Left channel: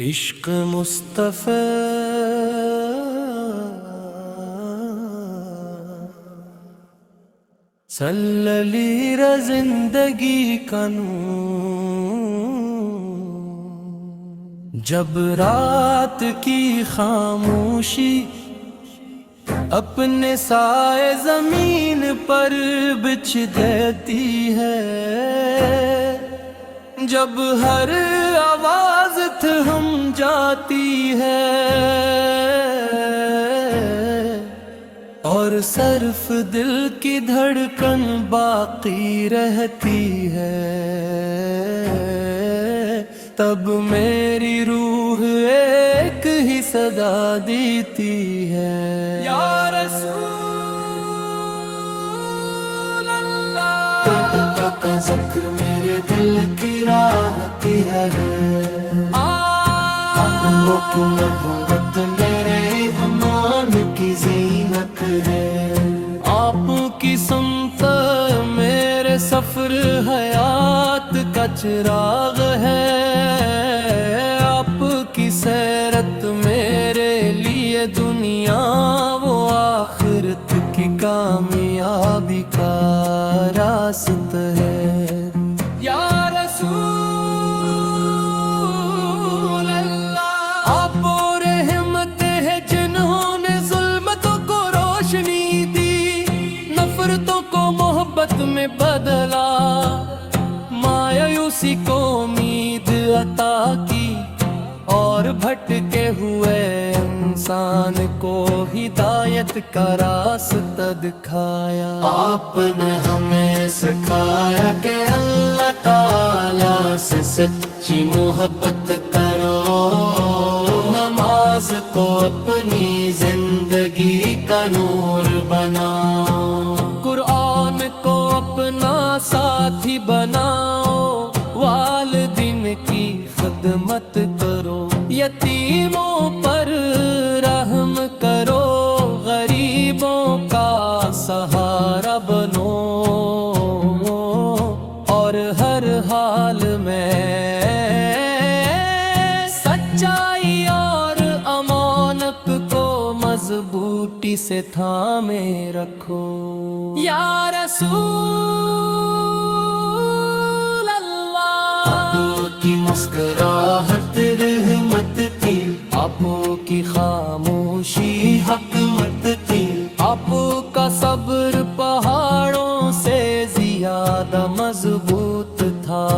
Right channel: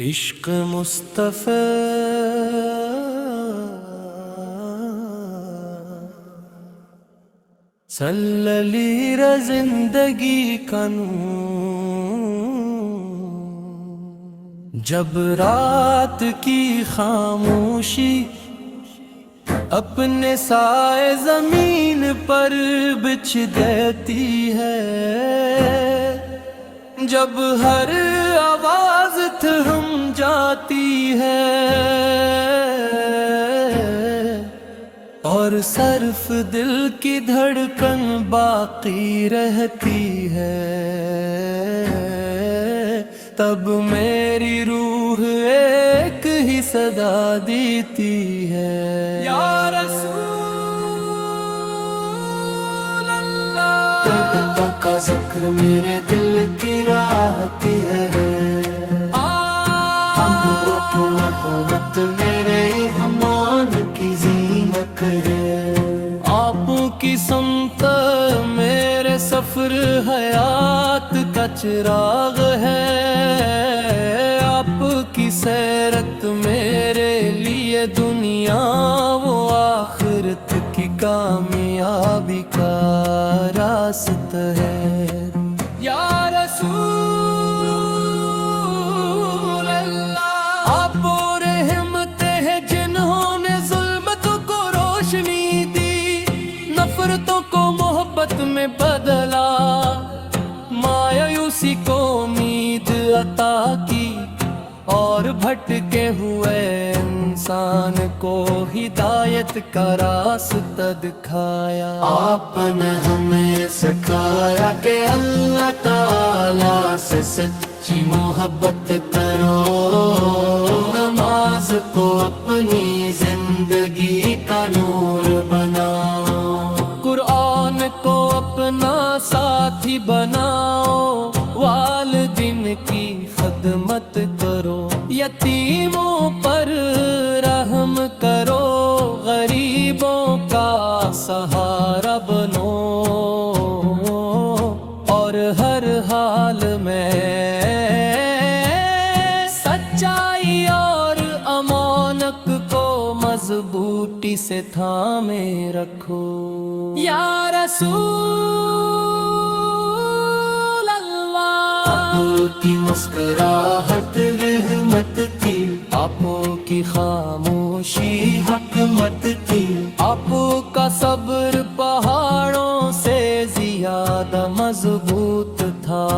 عشق مصطفیٰ صلی را زندگی کا نور، جب رات کی خاموشی اپنے سائے زمین پر بچھ دیتی ہے، جب ہر آواز تھم جاتی ہے اور صرف دل کی دھڑکن باقی رہتی ہے، تب میری روح ایک ہی صدا دیتی ہے، یا رسول اللہ۔ تیرا کا ذکر میرے دل کی راحتی ہے، حکومت میرے ایمان کی زینت ہے، آپ کی سمت میرے سفر حیات کا چراغ ہے، آپ کی سیرت میرے لیے دنیا و آخرت کی کامیابی کا راستہ ہے، یا رسول اللہ۔ آپ اور رحمت ہے جنہوں نے ظلمتوں کو روشنی دی، نفرتوں کو محبت میں بدلا، مایوسی کو امید عطا کی، اور بھٹکے ہوئے انسان کو ہدایت کا راستہ دکھایا۔ آپ نے ہمیں سکھایا کہ اللہ تعالیٰ سے سچی محبت کرو، نماز کو اپنی زندگی کا نور بناؤ، قرآن کو اپنا ساتھی بناؤ، والدین کی خدمت کرو، یتیموں پر رحم کرو، غریبوں کا سہارا بنو، اور ہر حال میں سچائی اور امانت کو مضبوطی سے تھامے رکھو، یا رسول اللہ۔ آپ کی مسکراہٹ رحمت تھی، آپ کی خاموشی حکمت تھی، آپ کا صبر پہاڑوں سے زیادہ مضبوط تھا،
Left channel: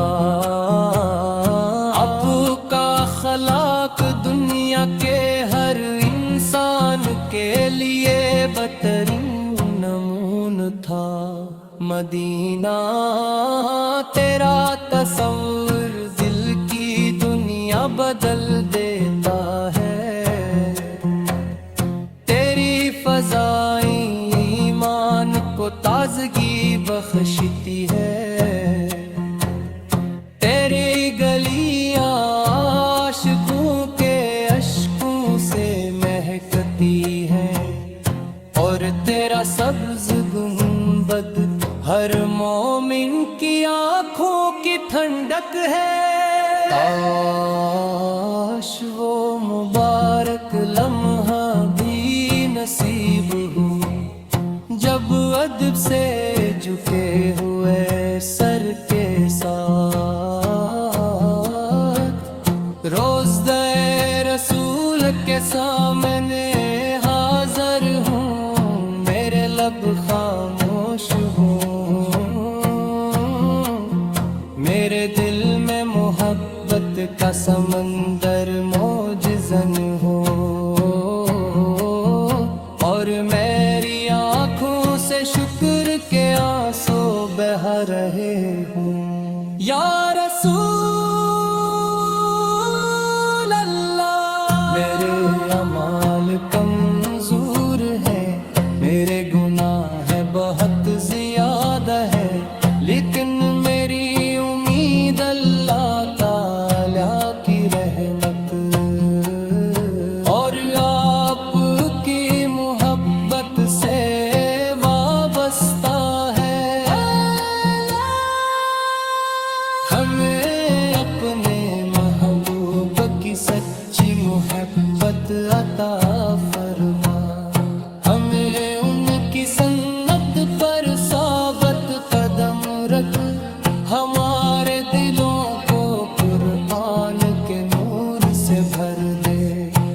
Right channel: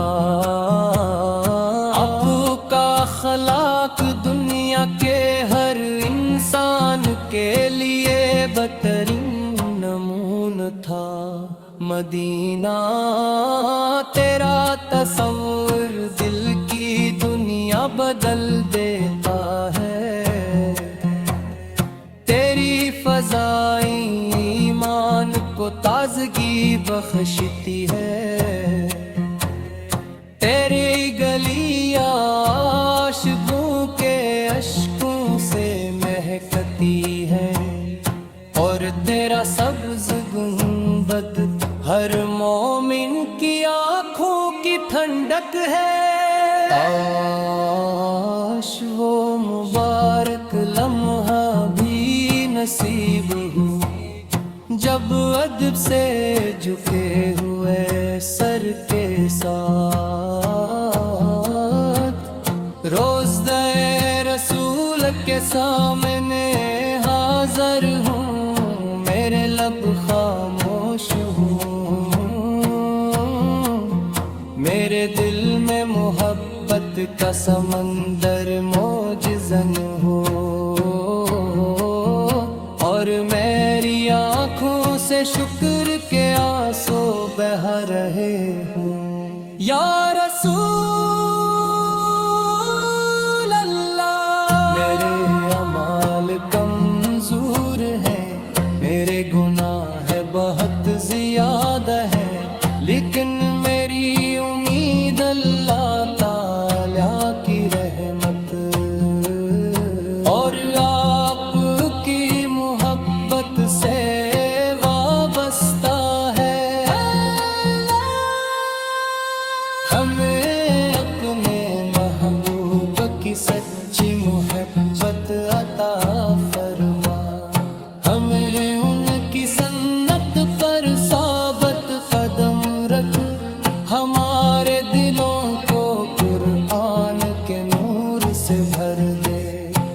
آپ کا اخلاق دنیا کے ہر انسان کے لیے بہترین نمونہ تھا، مدینہ تیرا تصور دل کی دنیا بدل دیتا ہے، تیری فضائیں ایمان کو تازگی بخشتی ہے، تیری گلیاں عاشقوں کے اشکوں سے مہکتی ہے، اور تیرا سبز گنبد ہر مومن کی آنکھوں کی ٹھنڈک ہے، کاش وہ مبارک لمحہ بھی نصیب ہو جب ادب سے جھکے ہوئے سر کے ساتھ روضہ رسول کے سامنے حاضر ہوں، میرے لب خاموش ہوں، میرے دل میں محبت کا سمندر موجزن ہو، اور میری آنکھوں سے شکر کے آنسو بہہ رہے ہوں، یا رسول اللہ۔ میرے اعمال کمزور ہیں، میرے گناہ بہت زیادہ ہیں، لیکن میری امید اللہ تعالیٰ کی رحمت اور آپ کی محبت سے وابستہ ہے، ہمیں اپنے محبوب کی کی سچی محبت عطا فرما، ہمیں ان کی سنت پر ثابت قدم رکھ، ہمارے دلوں کو قرآن کے نور سے بھر دے،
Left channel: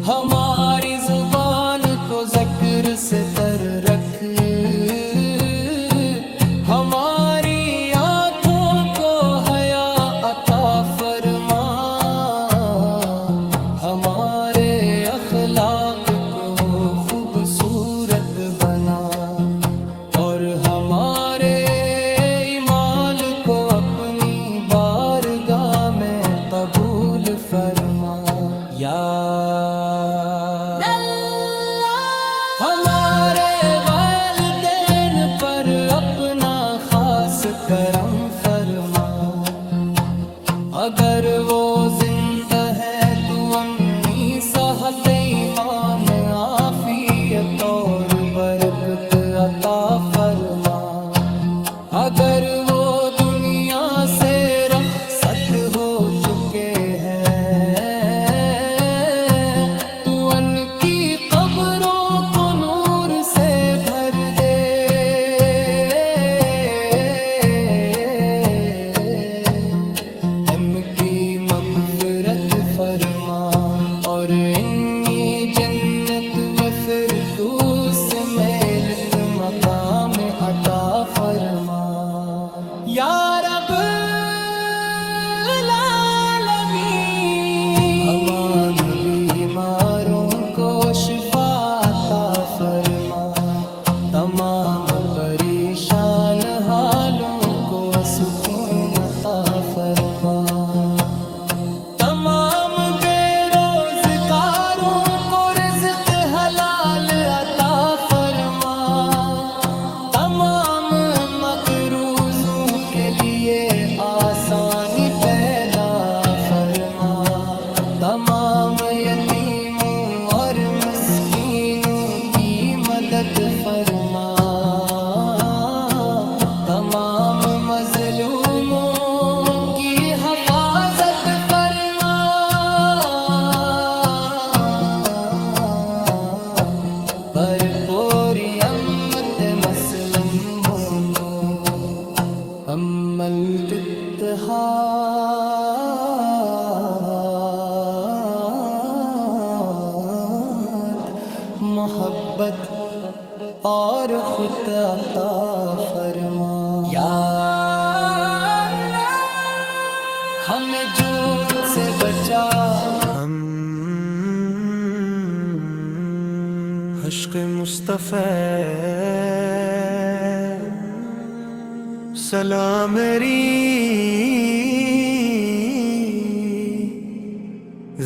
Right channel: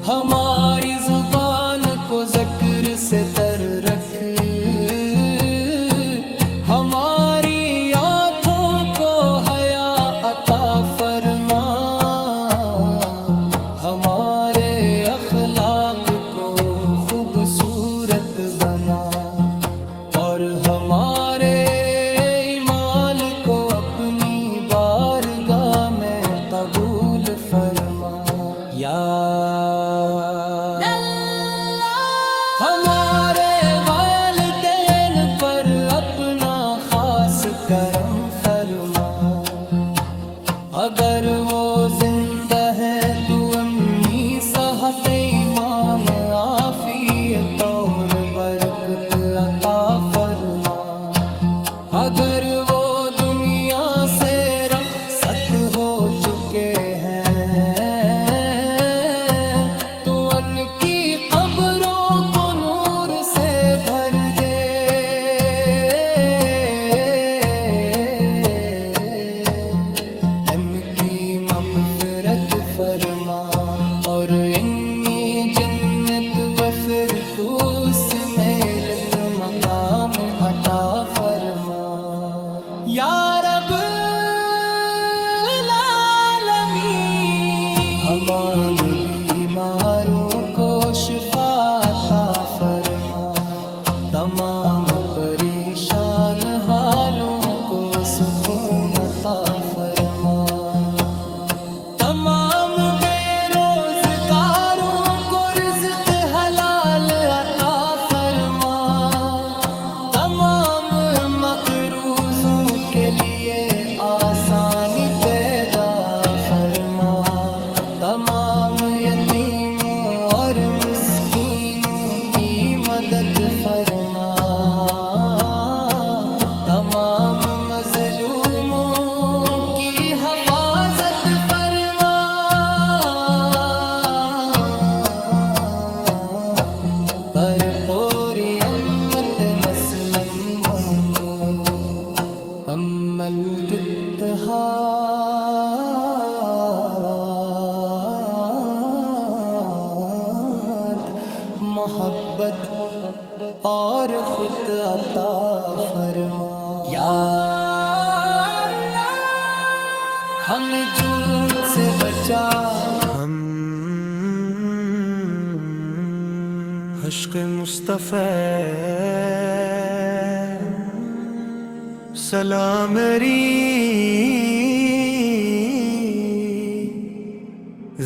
ہماری زبان کو ذکر سے تر رکھ، ہماری آنکھوں کو حیا عطا فرما، ہمارے اخلاق کو خوبصورت بنا، اور ہمارے اعمال کو اپنی بارگاہ میں قبول فرما یا اللہ۔ ہمارے والدین پر اپنا خاص کرم فرما، اگر وہ زندہ ہیں تو امی صحت ایمان عافیت اور برکت عطا فرما، اگر وہ دنیا سے رخصت ہو چکے ہیں تو ان کی قبروں کو نور سے بھر دے، ان کی مغفرت فرما، اور انی جنت و فردوس میں مقام عطا فرما یا رب العالمین۔ تمام بیماروں کو شفا عطا فرما، تمام پریشان حالوں کو سکون عطا فرما، تمام بے روزگاروں کو رزق حلال عطا فرما، تمام مقروضوں کے لیے آسانی پیدا فرما، تمام یتیموں اور مسکینوں کی مدد فرما، تمام مظلوموں کی حفاظت فرما، پر پوری امت مسلموں کو عملت اتحاد محبت اور خود عطا فرما یا اللہ۔ ہمیں جھوٹ سے بچا، ہم عشق مصطفیٰ سلام میری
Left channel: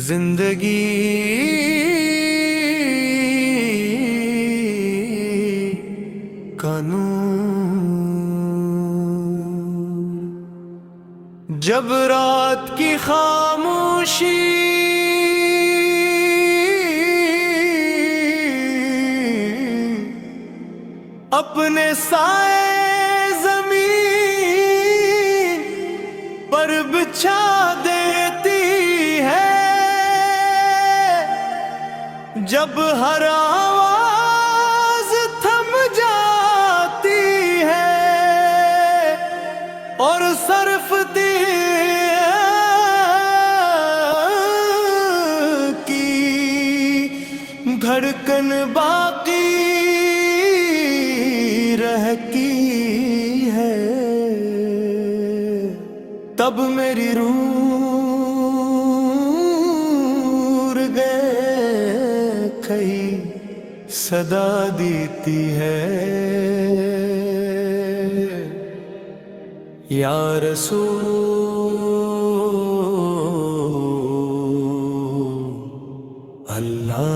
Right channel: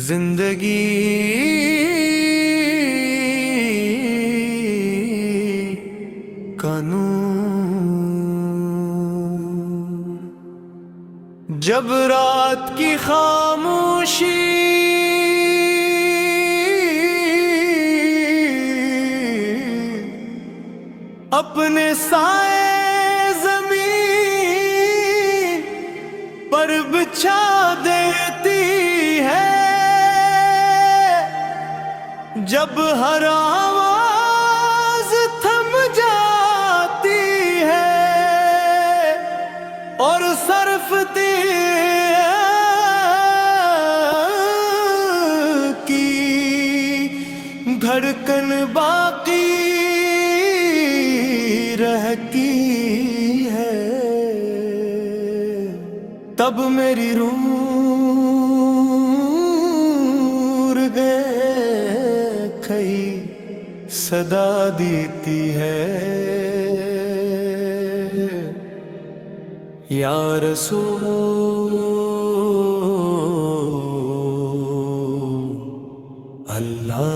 زندگی کا نور، جب رات کی خاموشی اپنے سائے زمین پر بچھا دیتی ہے، جب ہر آواز تھم جاتی ہے اور صرف کی دھڑکن باقی رہتی ہے، تب میری روح گئے کہیں صدا دیتی ہے یا رسول اللہ۔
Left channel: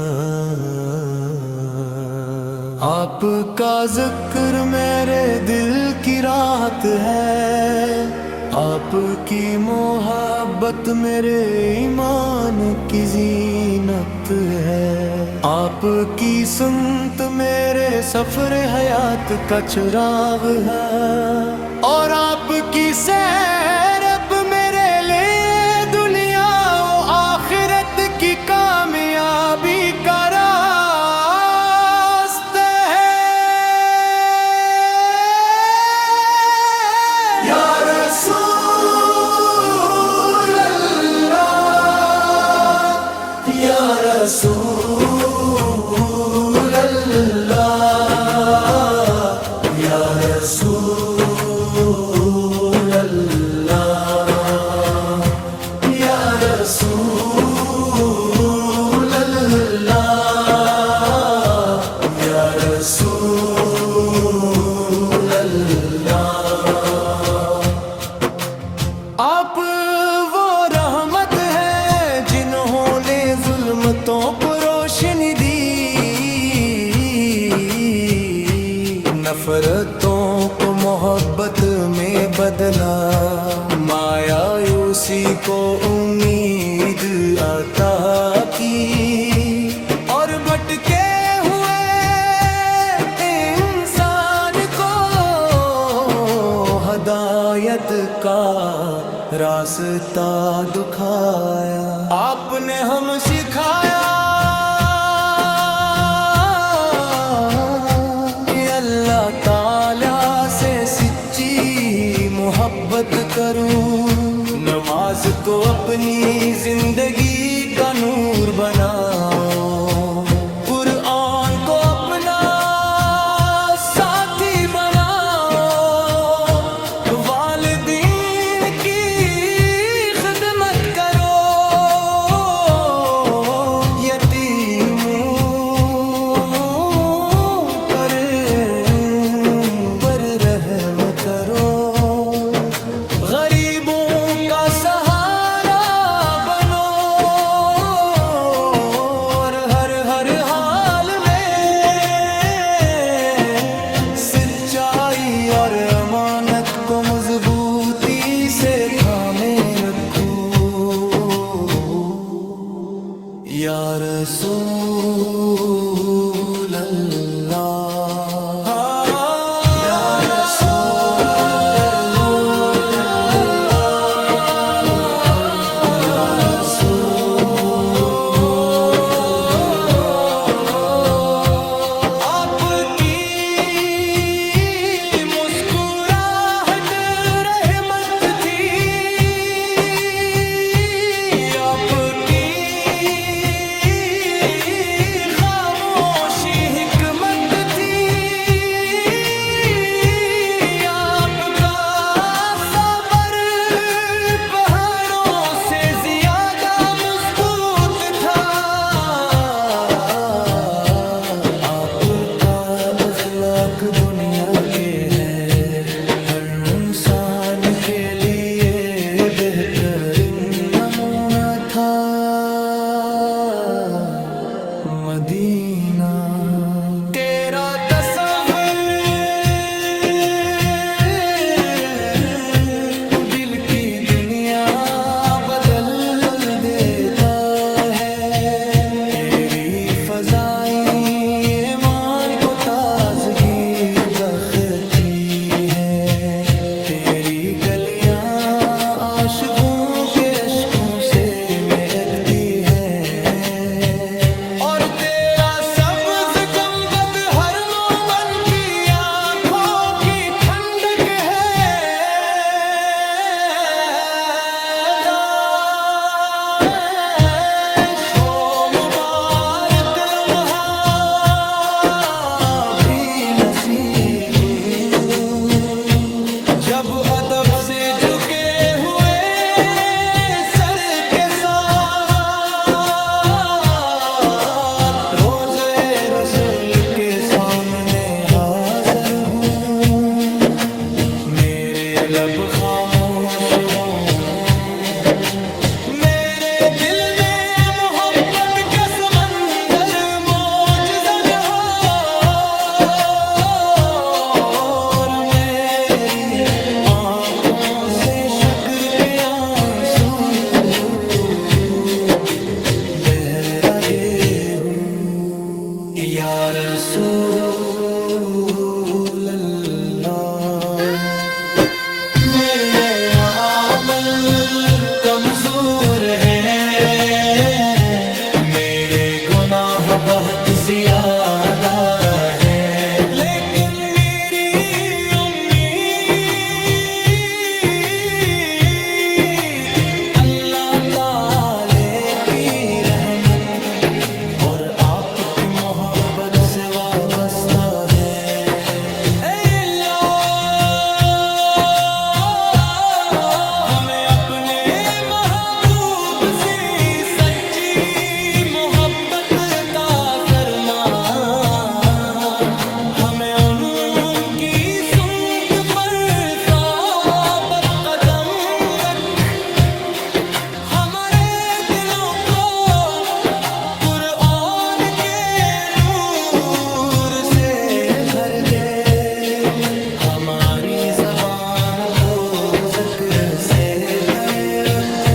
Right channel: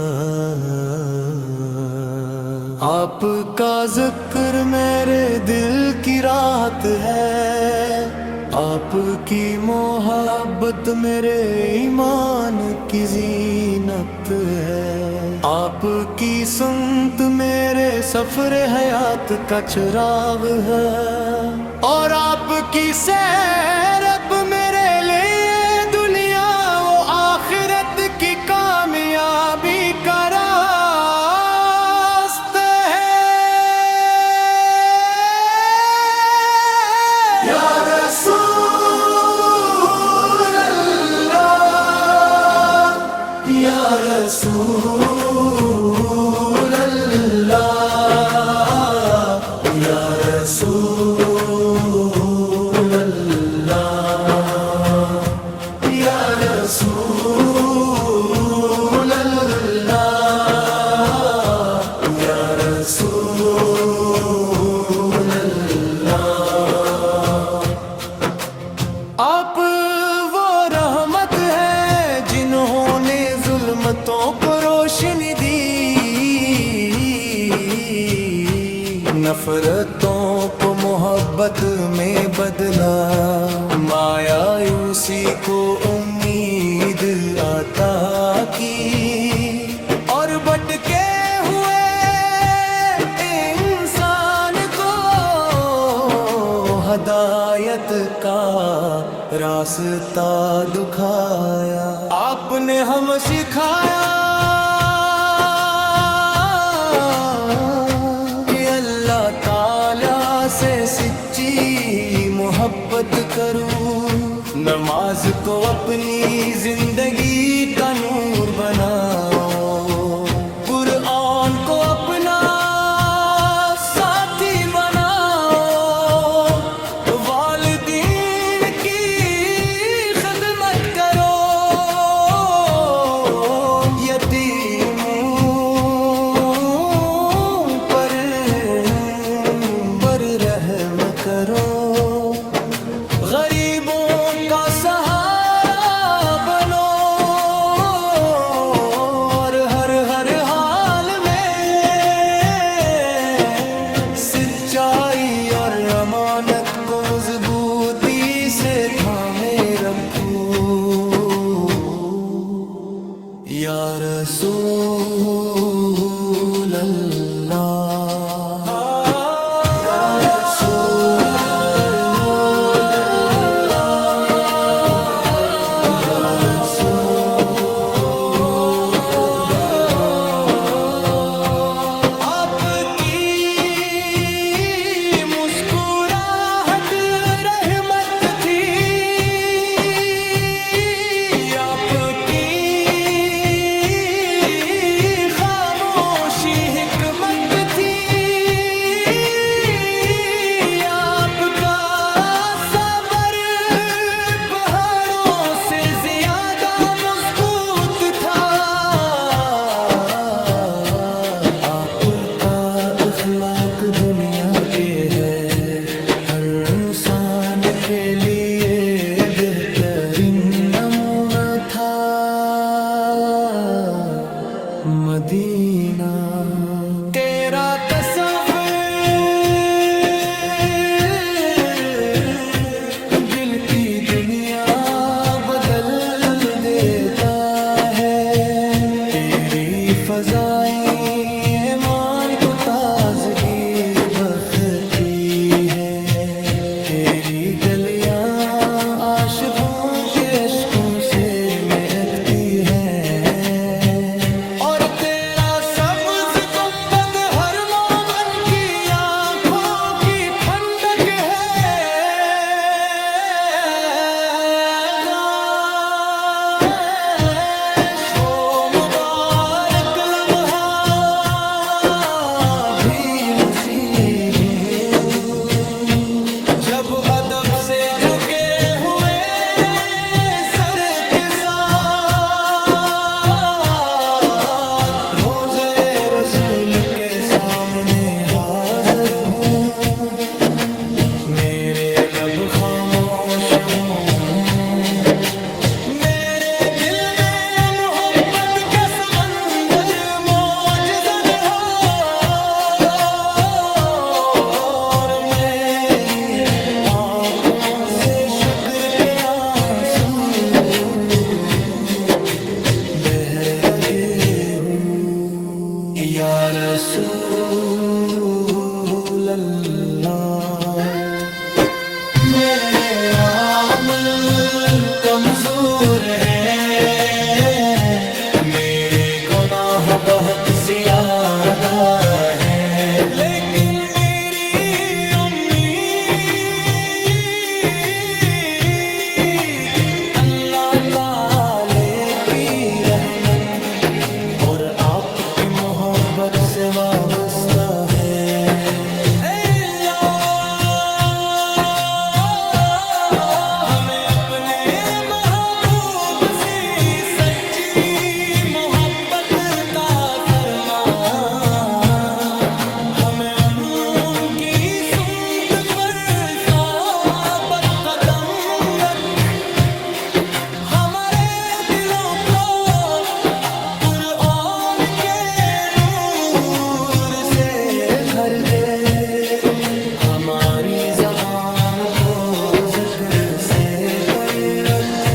آپ کا ذکر میرے دل کی راحت ہے، آپ کی محبت میرے ایمان کی زینت ہے، آپ کی سنت میرے سفر حیات کا چراغ ہے، اور آپ کی سیر اب میرے لیے دنیا و آخرت یا رسول اللہ، یا رسول اللہ، یا رسول اللہ، یا رسول اللہ۔ آپ وہ رحمت ہیں جنہوں نے ظلمتوں کو روشنی دی، نفرتوں کو محبت میں بدلا، مایوسی کو امید عطا کی، اور بھٹکے ہوئے انسان کو ہدایت کا راستہ دکھایا۔ آپ نے ہم سکھایا کہ اللہ تعالیٰ سے سچی محبت کروں، نماز کو اپنی زندگی کا نور بناؤ، قرآن کو اپنا ساتھی بناؤ، والدین کی خدمت کرو، یتیموں پر رحم کرو، غریبوں کا سہارا بنو، اور ہر حال میں سچائی اور امانت کو مضبوطی سے تھامے رکھو، یا رسول اللہ۔ آپ کی خاموشی حکمت تھی، آپ کا صبر پہاڑوں سے زیادہ مضبوط تھا، آپ کا اخلاق دنیا کے ہے ہر انسان کے لیے بہترین نمونہ تھا، مدینہ تیرا تصور دل کی دنیا بدل دیتا ہے، تیری فضائیں ایمان کو تازگی بخشتی ہیں، تیری گلیاں عاشقوں کے اشکوں سے مہکتی ہیں، اور تیرا سبز گنبد ہر مومن کی آنکھوں کی ٹھنڈک ہے، وہ مبارک لمحہ بھی نصیب جب ادب سے جھکے ہوئے سر کے ساتھ روضے رسول کے سامنے حاضر ہوں، میرے لب خاموش ہوں، میرے دل میں محبت کا سمندر موج زن ہو، اور میری آنکھوں سے شکر کے آنسو بہر لگے ہوں، یا رسول اللہ۔ میرے عمل کمزور ہے، میرے گناہ بہت زیادہ ہے، لیکن میری امید اللہ تعالی کی رحمت اور آپ کی محبت سے وابستہ ہے اے اللہ ہمیں اپنے محبوب سے سچی محبت کا فرما ہمیں ان کی سنت پر ثابت قدم رکھ ہمارے دلوں کو قرآن کے نور سے بھر دے ہماری زبان کو ذکر سے تن رکھ